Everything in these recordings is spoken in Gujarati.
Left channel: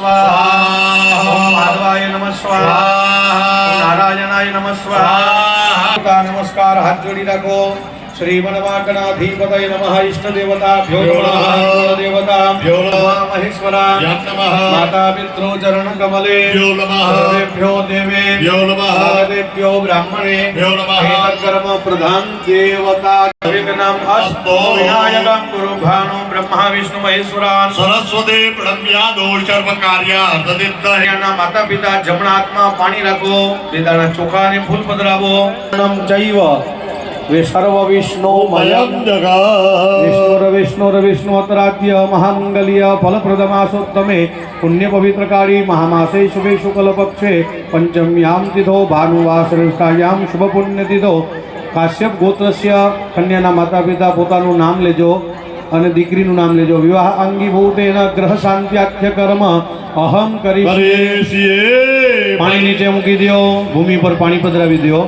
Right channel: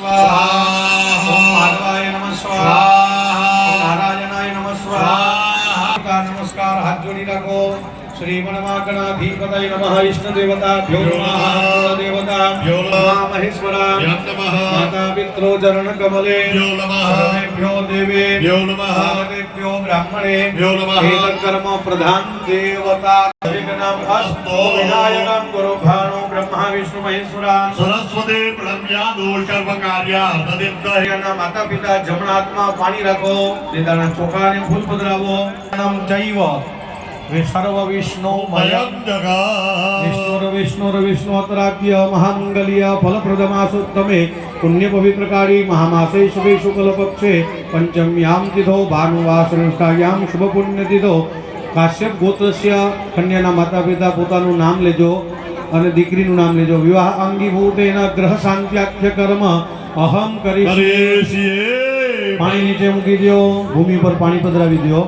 સ્વાહા ઓમ માધવાય નમઃ સ્વાહા ઓમ નારાયણાય નમઃ સ્વાહા નમસ્કાર હાથ જોડી રાખો શ્રી વનવાગણાધિપતય નમઃ ઇષ્ટ દેવતાભ્યો નમઃ દેવતાભ્યો નમઃ મહેશ્વરા માતા પિતૃ ચરણ કમલે સર્વેભ્યો દેવેભ્યો નમઃ દેવ્યો બ્રાહ્મણેભ્યો નમઃ કર્મ પ્રધાન દેવતા વિઘ્નમ અસ્તો વિનાયકમ ગુરુ ભાણો બ્રહ્મા વિષ્ણુ મહેશ્વરાન સરસ્વદેવ પ્રણમ્યાદો સર્વ કાર્યા તદિત્તઃ એના માતા પિતા જમણા હાથમાં પાણી રાખો દીદાના ચોખા અને ફૂલ પધરાવો. નમ જૈવ. વે સર્વ વિષ્ણુ વિષ્ણુર વિષ્ણુર વિષ્ણુતરાજ્ય મહામંગલ્ય ફલપ્રદમાસોત્તમે પુણ્ય પવિત્રકાળી મહામાસે શુભે શુક્લ પક્ષે પંચમ્યામ તિથો ભાનુવા શ્રેષ્ઠાયામ શુભ પુણ્ય તિથો કાશ્યપ ગોત્રસ્ય કન્યાના માતા પિતા પોતાનું નામ લેજો. અને દીકરીનું નામ લેજો. વિવાહ અંગીભૂતેના ગ્રહ શાંત્યાખ્ય કર્મ અહમ કરી પાણી નીચે મૂકી દો ભૂમિ પર પાણી પધરાવી દો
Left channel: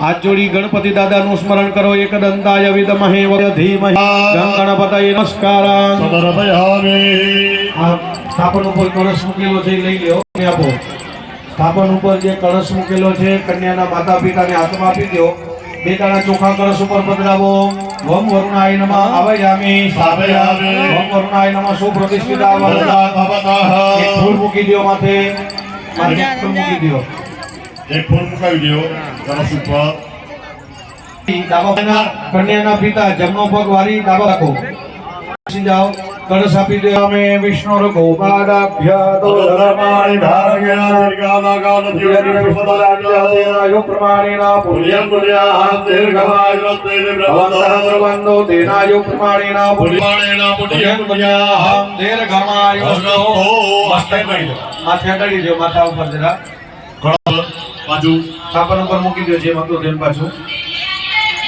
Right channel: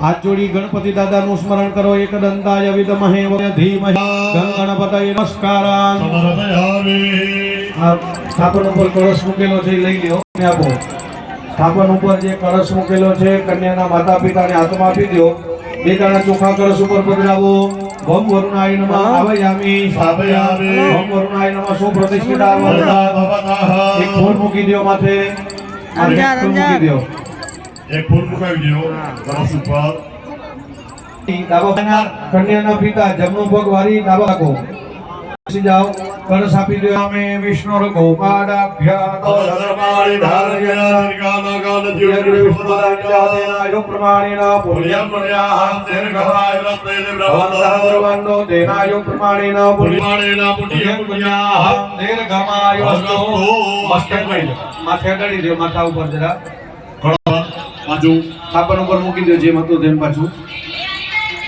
હાથ જોડી ગણપતિ દાદાનું સ્મરણ કરો. એક દંતાય વિદમહે ધીમહે ધીમહિ. ગણ ગણપતય નમસ્કાર. આ સ્થાપન ઉપર કળશ મૂકેલો છે લઈ લ્યો. આપો. સ્થાપન ઉપર જે કળશ મૂકેલો છે કન્યાના માતા પિતાને હાથમાં આપી દો બે દાણા ચોખા કળશ ઉપર પધરાવો. વમ વરુણાય નમઃ આવયામી સ્થાપયામિ. વમ વરુણાય નમઃ સુપ્રતિષ્ઠિતા. એક ફૂલ મૂકી દો માથે. અને એક ફૂલ મૂકાવી દો એક ફોન મુકાવી કળશ ઉપર. કન્યાના પિતા જમનો પગ વારી ડાબા રાખો. જાઓ કળશ આપી દો અમે વિષ્ણુ ગોપાદાભ્ય ધર્માણી ધારયા કરી માથે કરી દો માથા ઉપર જરા બાજુ સ્થાપન ઉપર મૂકી દો જેમ હતું તેમ પાછું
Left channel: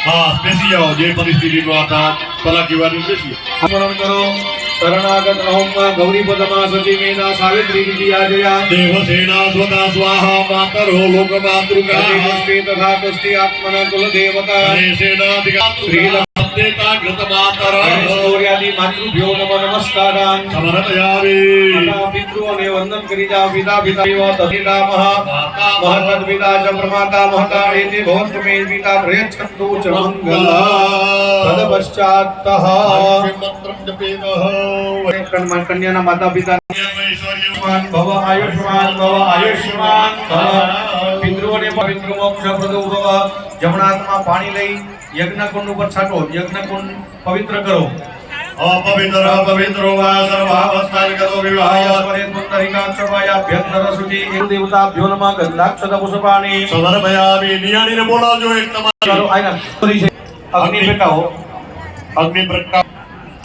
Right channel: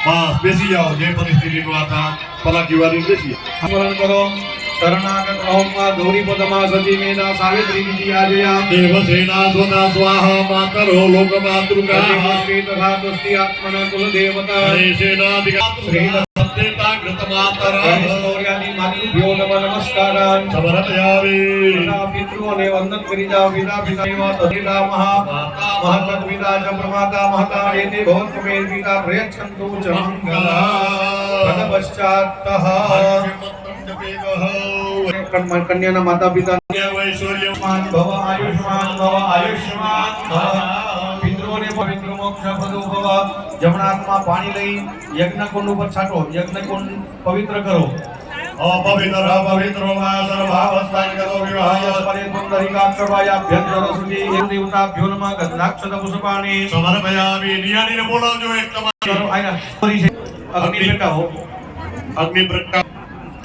હા બેસી જાઓ જે પરિસ્થિતિમાં હતા પલાકી વાળી બેસી. સ્મરણ કરો શરણાગત ઓમ ગૌરી પદમાં સચી મેધા સાવિત્રી વિધિ આજયા દેવસેના સ્વતા સ્વાહા માતરો લોકમાતૃકા. શ્રી તથા તુષ્ટિ આત્મના કુલ દેવતા શ્રીલંકેતા ગણેશૌર્યાદિ માતૃભ્યો નમ નમસ્કારાન સમર્પયામિ પિતૃઓને વંદન કરી જાઓ પિતા પિતા તથિતા મહા મહતદ પિતા ચ પ્રમાતા મહતા એતે ભવંત મે પિતા પ્રયચ્છન્તુ ચ મંગલ તદ પશ્ચાત કન્યાના માતા પિતા આયુષ્માન ભવ આયુષ્માન ભવ આયુષ્માન ભવ પવિત્ર મોક્ષ જમણા હાથમાં પાણી લઈ યજ્ઞ ઉપર છાંટો યજ્ઞ પવિત્ર કરો. અપવિત્ર પવિત્રો વા સર્વાવસ્થાનિગતો વિવાહ પરે પુંડરીકાક્ષવાયાભ્યંતર શુચિ એક દેવતાભ્યો નમઃ ગંધાક્ષત પુષ્પાણી. સમર્પયામિ નિયાણીને બોલાવજો એક તમારી. કરો કરી છે. અગ્નિ પ્રકાશ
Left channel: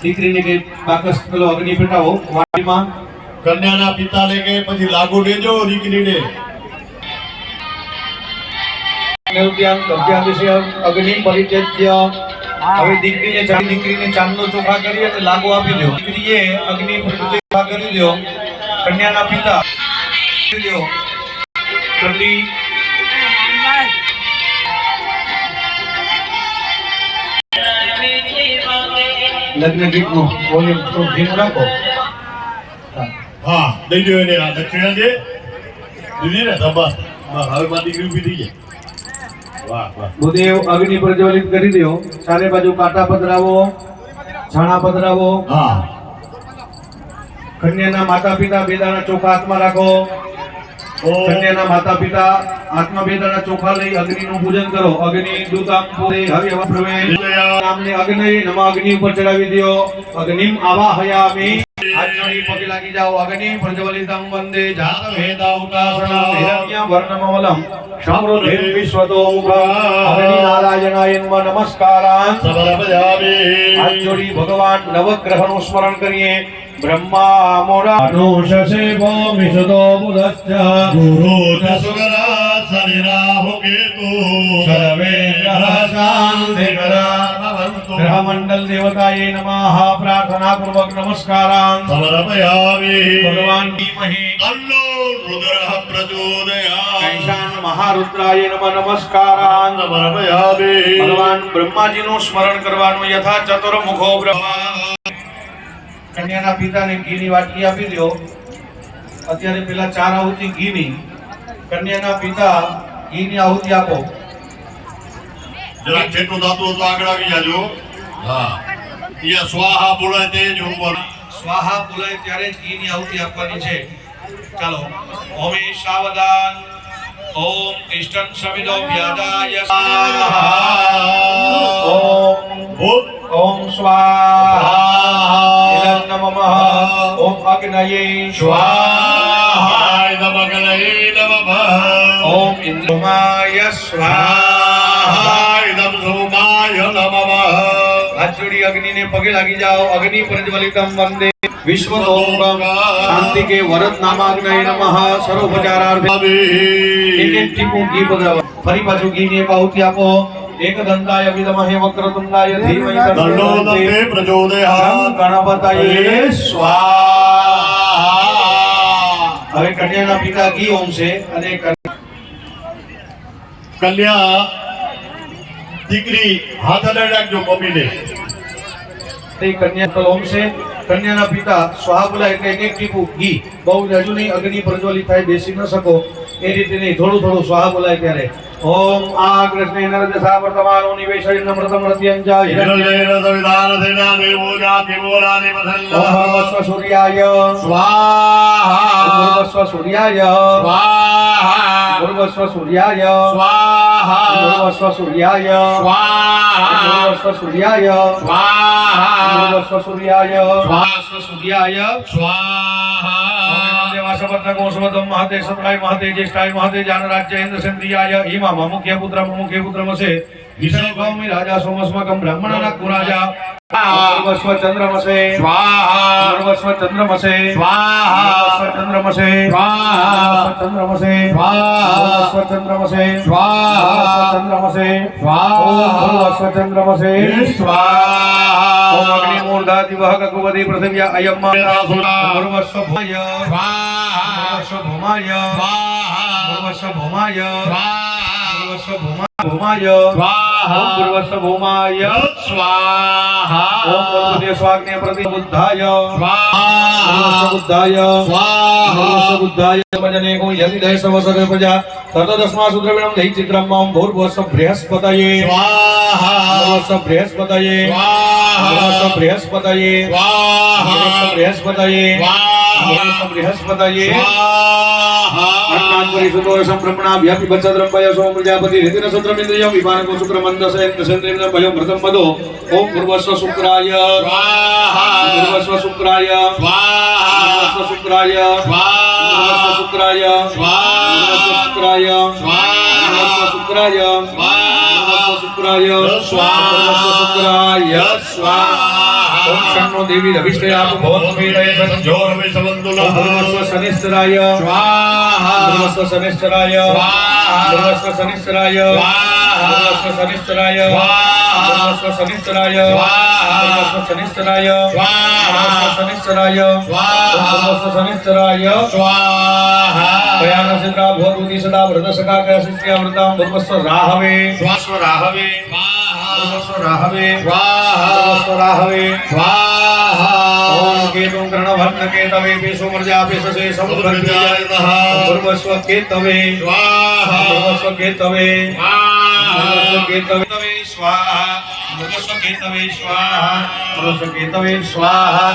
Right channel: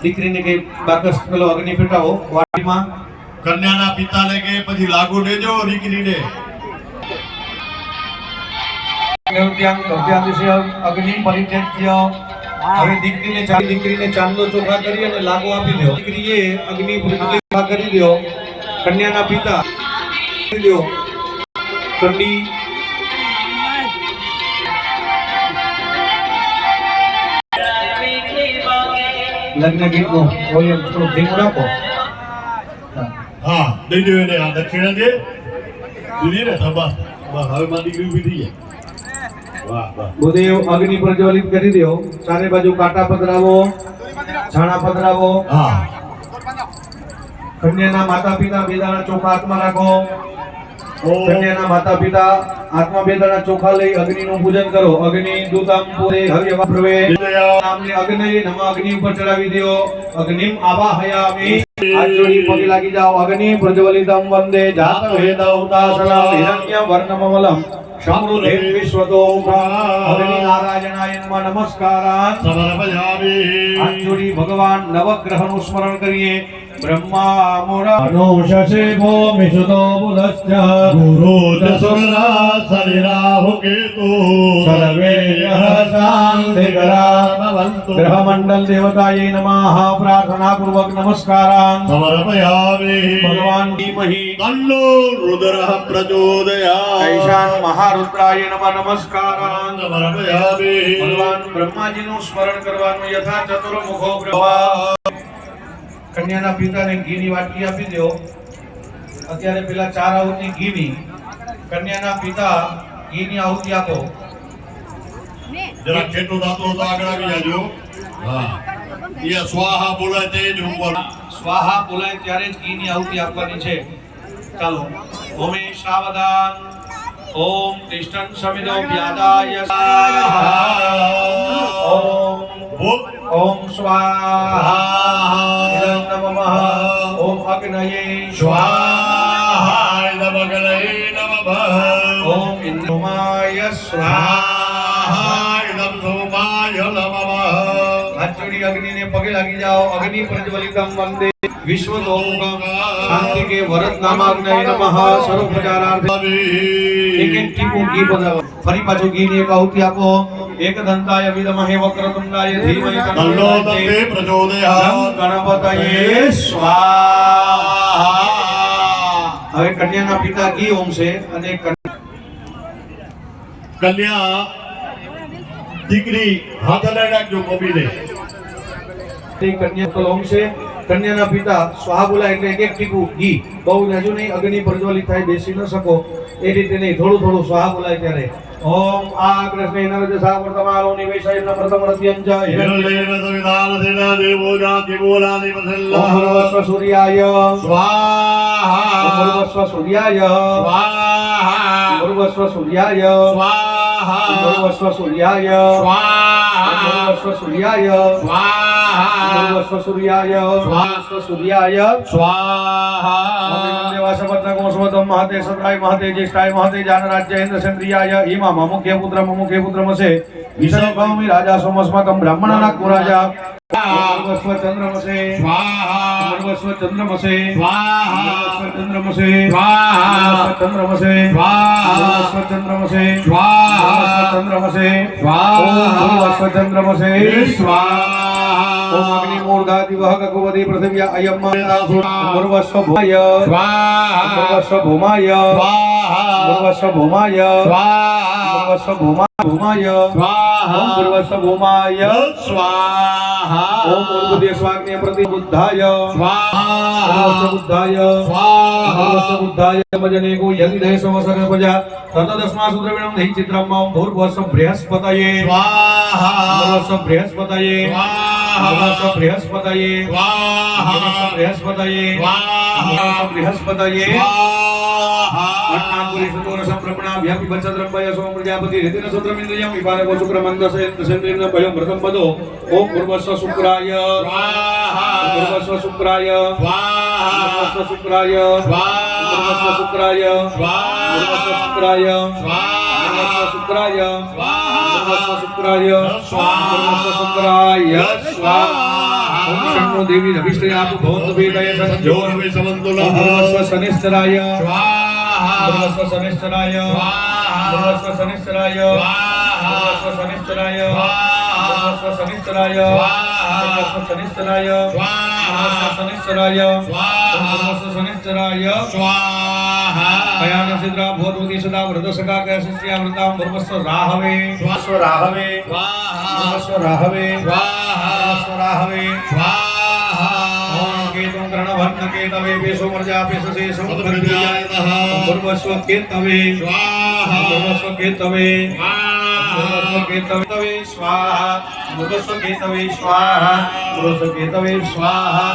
દીકરીને કે બાકસ પેલો અગ્નિ પેટાવો વાટીમાં કન્યાના પિતાને કે પછી લાગુ લેજો દીકરીને. દેવત્યાંગ ગભ્યાદિશ્ય અગ્નિ પરિત્યજ્ય. હવે દીકરીને ચાલી દીકરીને ચાંદનો ચોખા કરી અને લાગુ આપી દો દીકરીએ અગ્નિ ચોખા કરી દો કન્યાના પિતા કરી દો ઠંડી લગ્ન ગીતનું. વોલ્યુમ થોડું ભીમ રાખો. હા. દઈ દો એને આ દક્ષિણા દે દીદી ને બસ હવે માં દીકરી ઊભી થઈ જાય. ભૂદેવ અગ્નિ પ્રજ્વલિત કરી દો. ચારે બાજુ કાંટા પધરાવો છાણા પધરાવો. કન્યાના માતા પિતા બેદાના ચોખા હાથમાં રાખો. કન્યાના માતા પિતા હાથમાં બેદાના ચોખા લઈ અગ્નિનું પૂજન કરો. અગ્નિ દૂતમ પૂરે હરિ પ્રવે નામની અગ્નિ નમ અગ્નિ ઉપર ચડાવી દો. અગ્નિમ આવાહયામિ. જોડી પગે લાગી જાઓ અગ્નિ પ્રજ્વલિતમ વંદે જાત વેદાવતાસના હિરણ્ય વર્ણમમલમ સમૃદ્ધિ વિશ્વતો અગ્નિ નારાયણાય નમઃ સમર્પયામિ. હાથ ભગવાન નવગ્રહનું સ્મરણ કરીએ. બ્રહ્મા ભૂમિષદો કેતુ. સર્વે ભવન્તુ ગ્રહમંડલ દેવતાએ નમઃ પ્રાર્થના પૂર્વક નમસ્કારાન સમર્પયામિ ભગવાન ધીમહિ તન્નો રુદ્રઃ પ્રચોદયાत् ઐશાન મહારુદ્રાય નમઃ નમસ્કારાન સમર્પયામિ ભગવાન બ્રહ્માજીનું સ્મરણ કરવાનું યથા ચતુર્મુખો પ્રભા કન્યાના પિતાને ઘીની વાટકી આપી દો અત્યારે પેલા ચાર આહુતિ ઘીની. કન્યાના પિતા ઘીની આહુતિ આપો. જરાક જેટલું દાતો તો આગળ આવી જાજો. હા. અહીંયા સ્વાહા બોલાય તે જ હું સ્વાહા બોલાય ત્યારે જ ઘીની આહુતિ આપવાની છે. ચાલો. ઓમે સાવધાન. ઓમ ઇષ્ટં સમિદો વ્યાદાય ઓમ ભૂત ઓમ સ્વાહા. નમઃ. ઓમ અગ્નયે સ્વાહા. નમઃ નમઃ. ઓમ ઇન્દ્રમાય સ્વાહા. પગે લાગી જાઓ. અગ્નિ પ્રજ્વલિતમ વંદે. વિશ્વ શાંતિ કે વરદ નામાગ્નય નમઃ. સર્વોપચારાર્થે. એક એક ટીપું ઘી ફરી પાછું ઘીની એક આહુતિ આપો. એક દંતાય વિદમહે વક્રતુંડાય. ધીમહિ તન્નો દંતે પ્રચોદયાત. ગણપતયે સ્વાહા. હવે કન્યાના પિતા ઘી ઓમ છે અને કન્યા દીકરી હાથ હલાવી રાખજો મમ્મીને તે કન્યા તો છે. કન્યાના પિતા સ્વાહા એટલે એક ટીપું ઘી. બહુ હજુ નહીં અગ્નિ પ્રજ્વલિત થાય બેસી ન શકો. એ રીતે નહીં થોડું થોડું સ્વાહા બોલાય ત્યારે. ઓમ આ કૃષ્ણ નરદશા વર્તમાનો નિવેશય નમ્રતમ હૃદયંજા હિરણ્ય હિરણ્યેન સંવિધાનસેના દેવો જાતિ મૂલાનિ ઓમ પ્રસન્નઃ સૂર્યાય. સ્વાહા. ભૂર્ભુવસ્વ સૂર્યાય. સ્વાહા. ભૂર્ભુવસ્વ સૂર્યાય. સ્વાહા. ભૂર્ભુવસ્વ સૂર્યાય. સ્વાહા. ભૂર્ભુવસ્વ સૂર્યાય. સ્વાહા. સ્વા સ્વસૂર્યાય સ્વા સ્વસૂર્યાય સ્વા સવર્ણગોષવતમ મહાતે સદાય મહાતે જ્યેષ્ઠાય મહાતે જાનરાજ્ય ઇન્દ્રસેન્દ્રિયાય હિમા મુખ્ય પુત્ર મુખ્ય પુત્રમસે મૂર્ધા દિવહ ગગવદી પૃથ્વ્યા અયમ મા ભય ભૂમાય ભૂમાય ભૂમાય ભૂમાય ભૂમાય સ્વાહા ઓમ સ્વાગ્ને પ્રતિ બુદ્ધાય સ્વાહા બુદ્ધાય સ્વાહા બુદ્ધાય સમજને પૂર્વસ્વ શુક્રાય. પૂર્વસ્વ શુક્રાય. પૂર્વસ્વ શુક્રાય. પૂર્વસ્વ શુક્રાય. ओम शन्नो देवी रविष्टयाप भवतु पीडय सज्जोर विसवंतुलो भवस्व शनिश्चराय स्वाहा भवस्व शनिश्चराय स्वाहा भवस्व शनिश्चराय स्वाहा भवस्व शनिश्चराय स्वाहा भवस्व शनिश्चराय स्वाहा भवस्व शनिश्चराय स्वाहा भवस्व शनिश्चराय स्वाहा भवस्व शनिश्चराय स्वाहा ભયાનસિદ્રા ભવતુતિ સદા વ્રત સખા કયા શિષ્યા વ્રતામ ભર્મસ્વ રાહવે સ્વાસ્વ રાહવે સ્વ રાહવે સ્વ રાહવે કેતુ ગ્રણભટ્ટ કેતવે વિષુમર્જાપિ સસે સમુદ્રજાયતઃ ભર્મસ્વ કેતવે ભર્મસ્વ કેતવે ભર્મસ્વ કેતવે સ્વાહા સ્વાહા સ્વાહા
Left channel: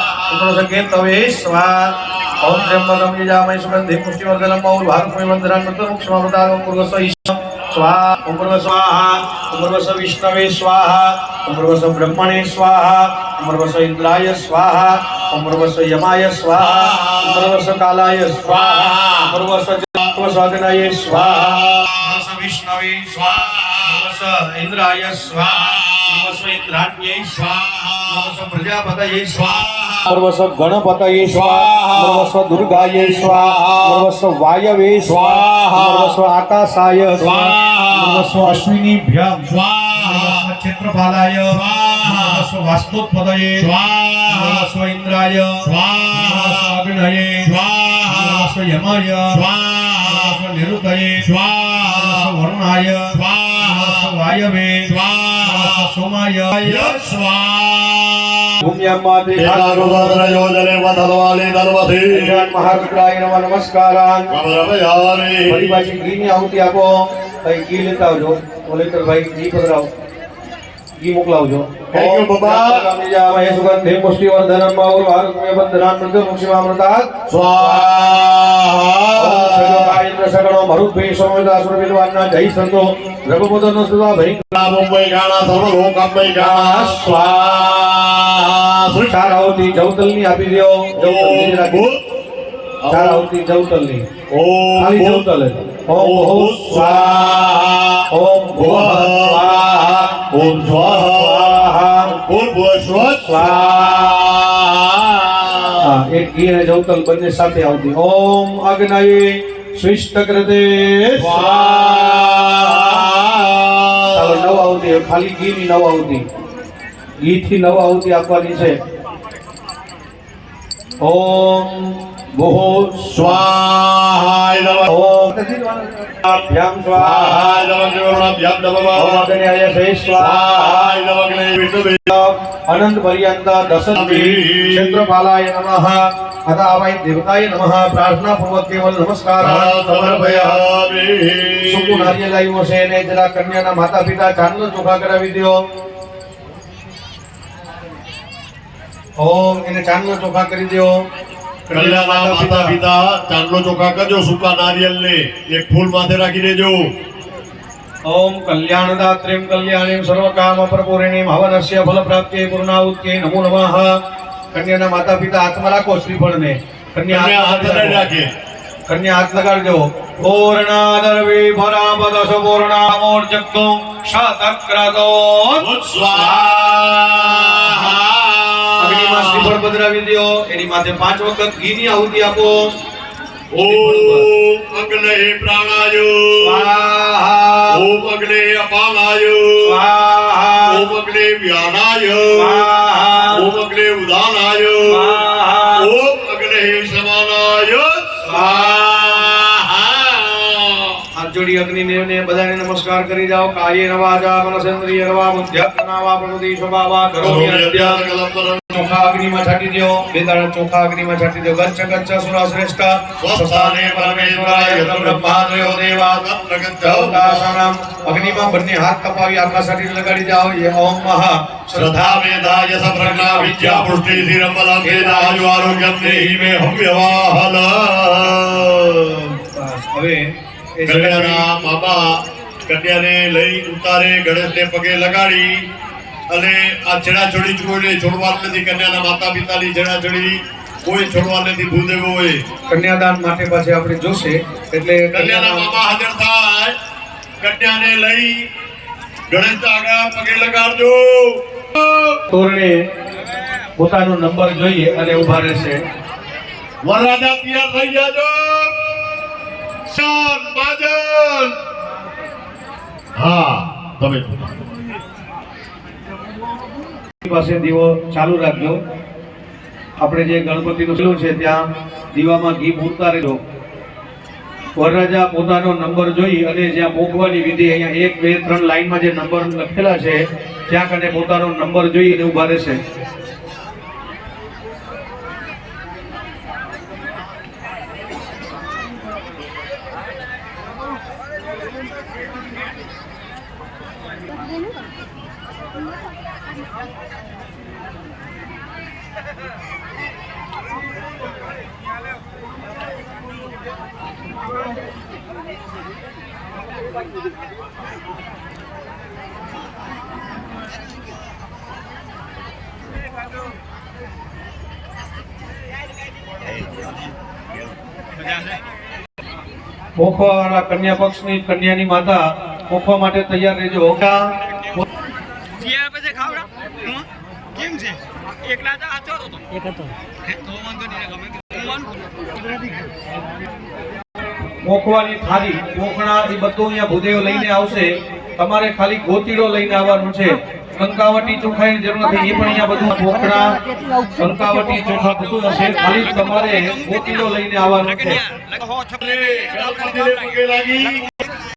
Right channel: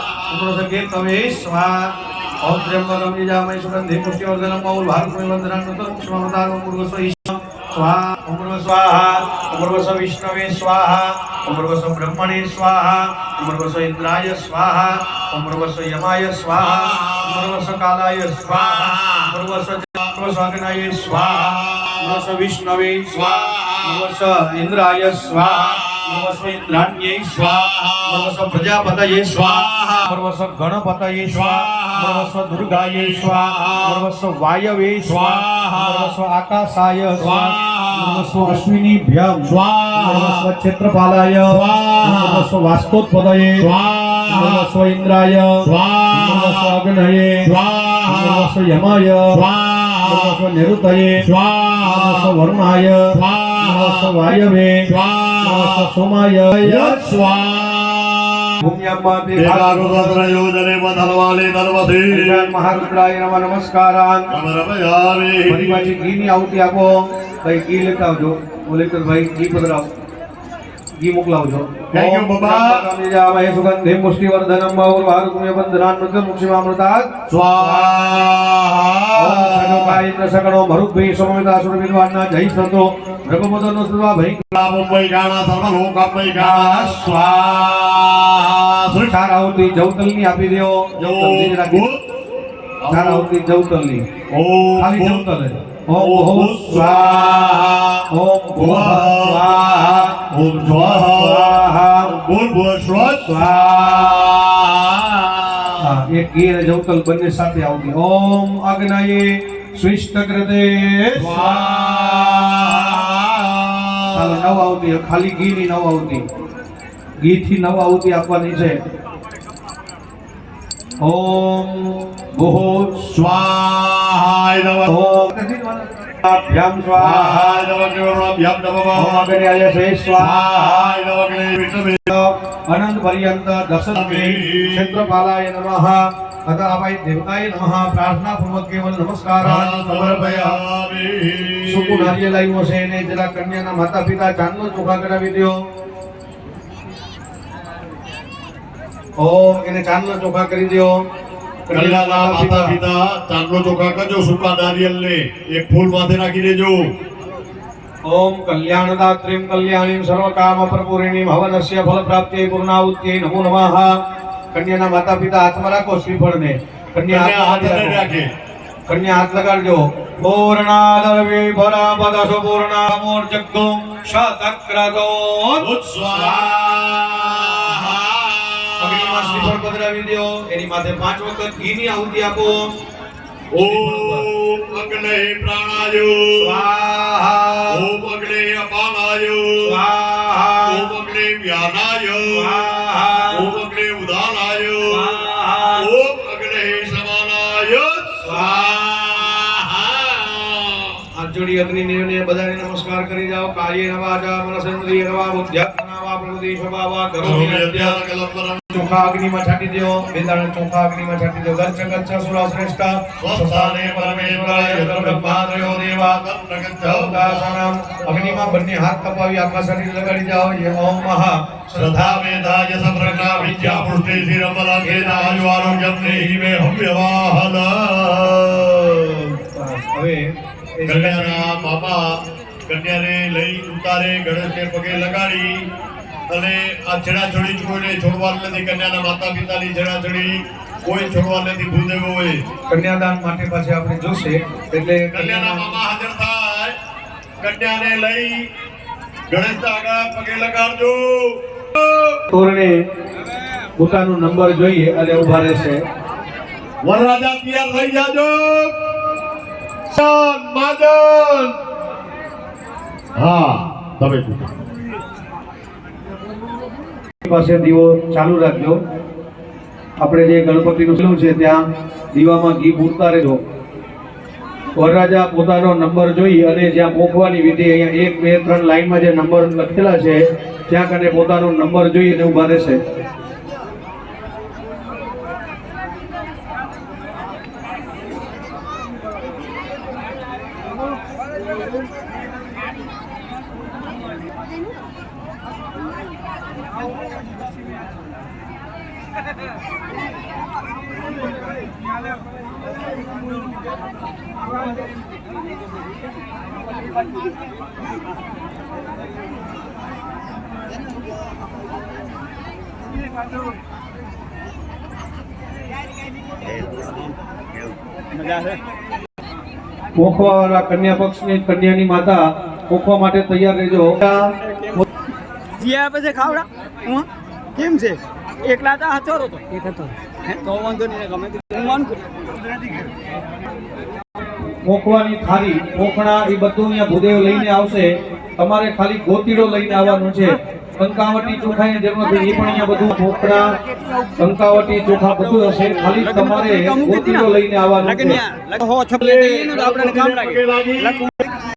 સ્વાહા ओम त्र्यंबकम यजामहे सुगंधि पुष्टिवर्धनम और भार्गवे वंदनम मृतम क्षमापदागम पूर्वस्व ईश्वर स्वाहा ओम पूर्व स्वाहा ओम पूर्वस्व विष्णवे स्वाहा ओम पूर्वस्व ब्रह्मणे स्वाहा ओम पूर्वस्व इंद्राय स्वाहा ओम पूर्वस्व यमाय स्वाहा ओम पूर्वस्व कालाय स्वाहा ओम पूर्वस्व स्वागनाय स्वाहा ओम पूर्वस्व विष्णवे स्वाहा ओम पूर्वस्व इंद्राय स्वाहा નમસ્વ ઇન્દ્રાણ્યે સ્વાહા નમસ્વ પ્રજાપતયે સ્વાહા નમસ્વ ગણપતયે સ્વાહા નમસ્વ દુર્ગાયે સ્વાહા નમસ્વ વાયવે સ્વાહા નમસ્વ આકાશાય સ્વાહા નમસ્વ અશ્વિનીભ્યં સ્વાહા નમસ્વ ક્ષેત્રપાલાય સ્વાહા નમસ્વ વાસ્તોત્પદયે સ્વાહા ઇન્દ્રાય સ્વાહા અગ્નયે સ્વાહા યમાય સ્વાહા નિરુતયે સ્વાહા નમસ્વ સ્વાહા સ્વાયવે સ્વા સોમાય સ્વા ભૂમ્યમાં દેખા આવતી આપો ભાઈ ગી લેતા આવજો ઓલેકર ભાઈ ગી પકડાવ ઈ મોકલાવજો. થેન્ક યુ બાબા. કામની સુગંધે પુષ્ટિ વર્ધનમ બાહુર ભારતમે વંદનામ નૃત્ય મુક્ષિમામૃતા સ્વાહા જય સંતો. રઘુપદન સુધા ભરી. મુંબઈ ગાણા સર્વ લોકમય ગાણા સ્વાહા સુખારાવતી જવતલની આપી દેવો જવતલની ચારાવતી જવતલની. ઓમ ખાલી જવતલ ઓમ સ્વાહા. ઓમ ભુવા સ્વાહા. ઓમ સ્વાહા ભૂર્ભુવ સ્વ સ્વાહા. એક ઈ અને જવતલ બંને સાથે આવતી. ઓમ અગ્નયે સ્વિષ્ટકૃતે સ્વાહા. નવ આવતી ખાલી ઘી ની નવ આવતી. ઘી થી નવ આવતી આપવાની છે. ઓમ ભૂ સ્વાહા. ઓમ અભ્યામ સ્વાહા સ્વાહાય નમઃ વિષ્ણુ અનંત પર્યંત દશન ક્ષેત્રપાલાય નમઃ આવાય દેવતાય નમઃ પ્રાર્થના પૂર્વક કેવલ નમસ્કાર સુકુ નારિયેલ લાવ્યો છે ને જરા કન્યાના માતા પિતા ચાંદલો ચોખા કરાવી દો ઓમ એને ચાંદલો ચોખા કરી દો કન્યાના માતા પિતા ચાંદલો ચોખા કરજો સૂકા નારિયેલ ને એક ફૂલ માથે રાખી દેજો. ઓમ કલ્યાણદાત્રીમ કલ્યાણીમ સર્વકામ પ્રપૂરિણીમ હવનસ્ય ફલ પ્રાપ્તિ પૂર્ણાહુત્યે નમો નમઃ. કન્યાના માતા પિતા હાથમાં રાખો શ્રીફળને. કન્યા હાથ રાખો. કન્યા હાથ લગાડજો. પૂર્ણાદર્વે મોર જગ્ગો શતક્રતો અગ્નિમાં શ્રીફળ પધરાવી દ્યો એની માથે પાંચ વખત ઘીની આહુતિ આપો. ઓમ અગ્નય પ્રાણાયો. સ્વાહા. ઓમ અગ્નય અપાનાય સ્વાહા. ઓમ અગ્નય વ્યાનાય સ્વાહા. ઓમ અગ્નય ઉદાનાયો સ્વાહા. ઓમ અગ્નય સમાનાયો સ્વાહા. હાથ જોડી અગ્નિને ને બધાને નમસ્કાર કરી જાઓ. કાર્ય નવાજા મનસેન્દ્રિય નવા બુદ્ધ્યાત્મનાવા પ્રકૃતિ સ્વભાવા કરોમિ અધ્યા ચોખા અગ્નિમાં છાંટી દો બે દાણા ચોખા અગ્નિમાં છાંટી દો ગચ્છ ગચ્છ સુરા શ્રેષ્ઠ સ્વસ્થાને પરમેશ્વરાય બ્રહ્માદ્રયો દેવા દેવતાસાનામ અગ્નિમાં બંને હાથ કપાવી આખા શરીર લગાડી જાઓ યે ઓમ મહા શ્રદ્ધા મેધાય સપ્રજ્ઞા વિદ્યા પુષ્ટિ ધીરબલમ વેદાયુ આરોગ્યમ દેહી મે હવ્યવાહન બસ, હવે એ કન્યાના બાબા કન્યાને લઈ ઉતારે ગણેશને પગે લગાડી અને આ છેડાછોડી કોઈને છોડવાનું નથી. કન્યાના માતા પિતાની છેડાછોડી કોઈ છોડવા નથી ભૂદેવો હોય કન્યાદાન માટે પાછી આપણે જોશે એટલે કન્યાના મામા હાજર થાય. કન્યાને લઈ ગણેશ આગળ પગે લગાડજો. તોરણે પોતાનો નંબર જોઈએ અને ઊભા રહેશે. વરરાજા તૈયાર થઈ જાજો શાન માજન હા તમે. પાસે દીવો ચાલુ રાખજો. આપણે જે ગણપતિનું શિલું છે ત્યાં દીવામાં ઘી પૂરતા રહેજો. વરરાજા પોતાનો નંબર જોઈ અને જ્યાં પહોંચવાની વિધિ અહીંયા એક, બે, ત્રણ લાઈનમાં જે નંબર લખેલા છે, ત્યાં કને પોતાનો નંબર જોઈ અને ઊભા રહેશે. પોખવાવાળા કન્યા પક્ષની કન્યાની માતા પોખવા માટે તૈયાર રહેજો. જીયા પછી ખાવડા. કેમ છે? એકલા હતા હચોરો હતો. એક હતો. તો વાંધો નહીં ગમે હું માનું કુદરતી પોખવાની થાળી મોકણા એ બધું અહીંયા ભૂદેવ લઈને આવશે. તમારે ખાલી ગોતીડો લઈને આવવાનું છે. કંકાવટી ચોખાની જરૂર નથી. એ પણ અહીંયા બધું મોકણા કંકાવટી ચોખા બધું હશે. ખાલી તમારે ગોતીડો લઈને આવવાનું છે.